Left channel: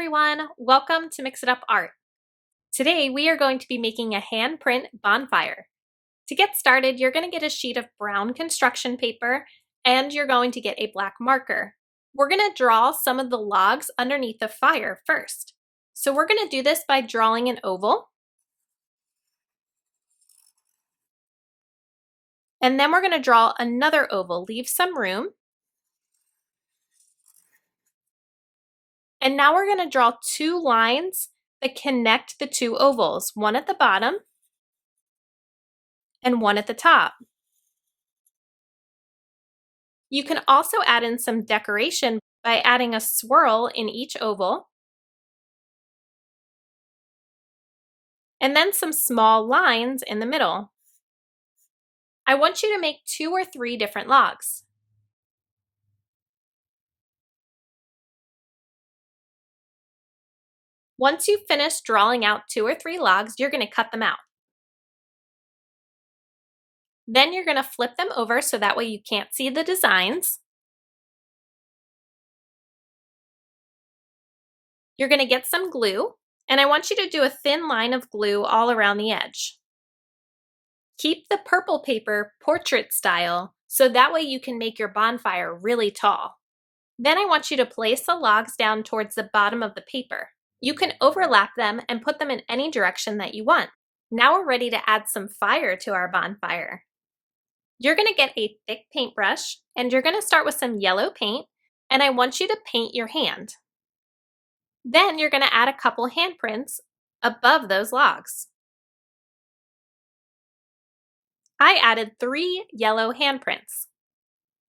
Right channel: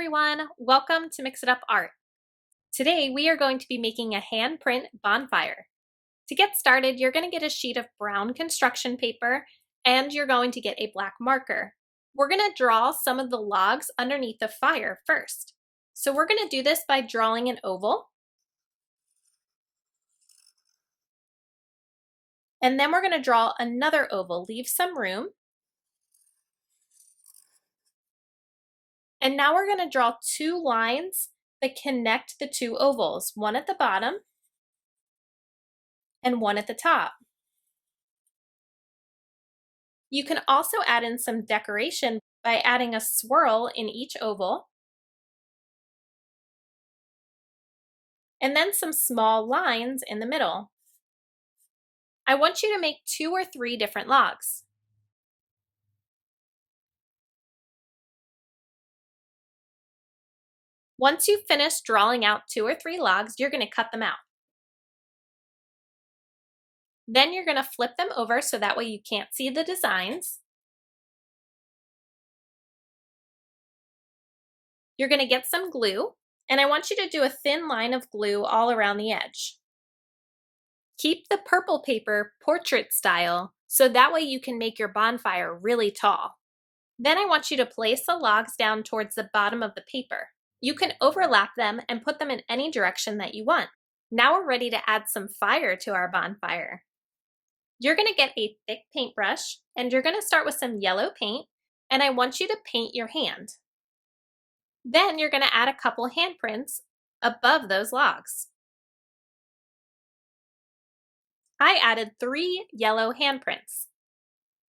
everyone, welcome to Mix It Up Art. Today we are going to be making a handprint bonfire. To get started, you're going to get a sheet of brown construction paper and you're going to get a black marker. We're going to draw some of the logs underneath the fire first. So we're going to do this by drawing an oval. And then we're going to draw another oval, leave some room. And now we're going to draw two lines that connect the two ovals, one at the bottom and one at the top. You can also add in some decoration by adding a swirl in each oval and then some small lines in the middle. I want you to make 2 or 3 different logs. Once you've finished drawing out 2 or 3 logs, you're going to cut them out. Then you're going to flip them over so that way you can't see the designs. You're going to get some glue, and I want you to do a thin line of glue all around the edge. Keep the purple paper portrait style so that way you can make your bonfire really tall. Then I want you to place the logs down towards the bottom of the paper. You can overlap them and put them in any direction that you want. Now we're ready to add some fire to our bonfire. You're going to get a thick paintbrush and you're going to start with some yellow paint, and I want you to paint your hand. Then you're going to add a couple handprints above those logs. I added 3 yellow handprints.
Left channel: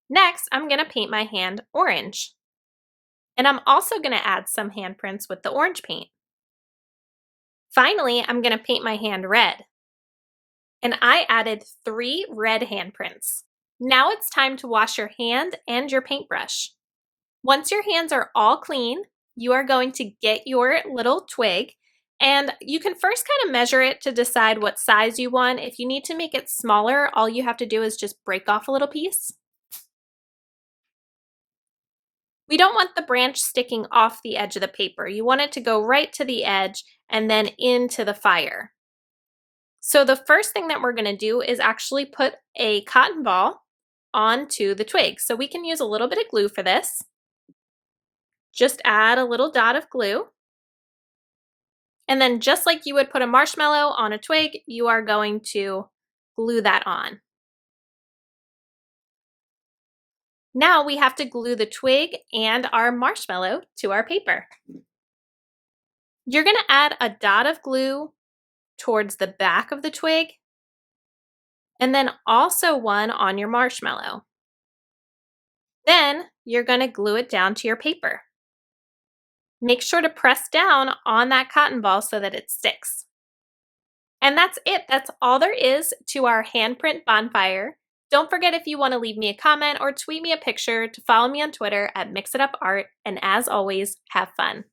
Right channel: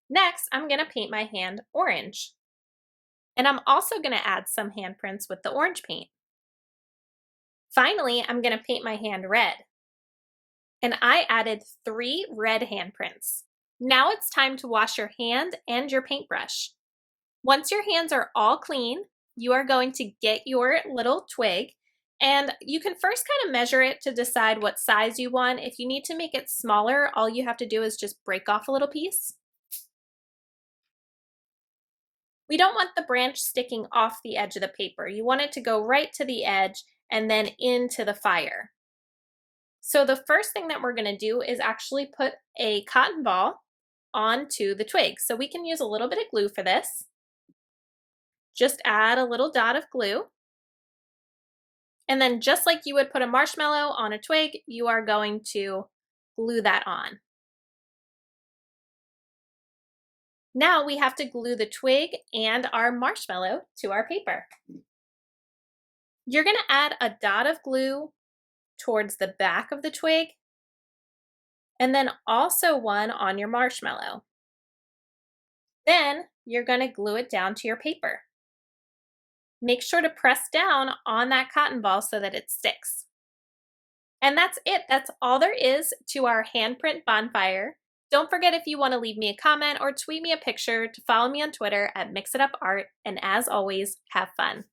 Next, I'm going to paint my hand orange. And I'm also going to add some handprints with the orange paint. Finally, I'm going to paint my hand red. And I added 3 red handprints. Now it's time to wash your hand and your paintbrush. Once your hands are all clean, you are going to get your little twig, and you can first kind of measure it to decide what size you want. If you need to make it smaller, all you have to do is just break off a little piece. We don't want the branch sticking off the edge of the paper. You want it to go right to the edge and then into the fire. So the first thing that we're going to do is actually put a cotton ball onto the twig. So we can use a little bit of glue for this. Just add a little dot of glue. And then just like you would put a marshmallow on a twig, you are going to glue that on. Now we have to glue the twig and our marshmallow to our paper. You're going to add a dot of glue towards the back of the twig and then also one on your marshmallow. Then you're going to glue it down to your paper. Make sure to press down on that cotton ball so that it sticks. And that's it. That's all there is to our handprint bonfire. Don't forget, if you want to leave me a comment or tweet me a picture, to follow me on Twitter at MixItUpArt, and as always, have fun.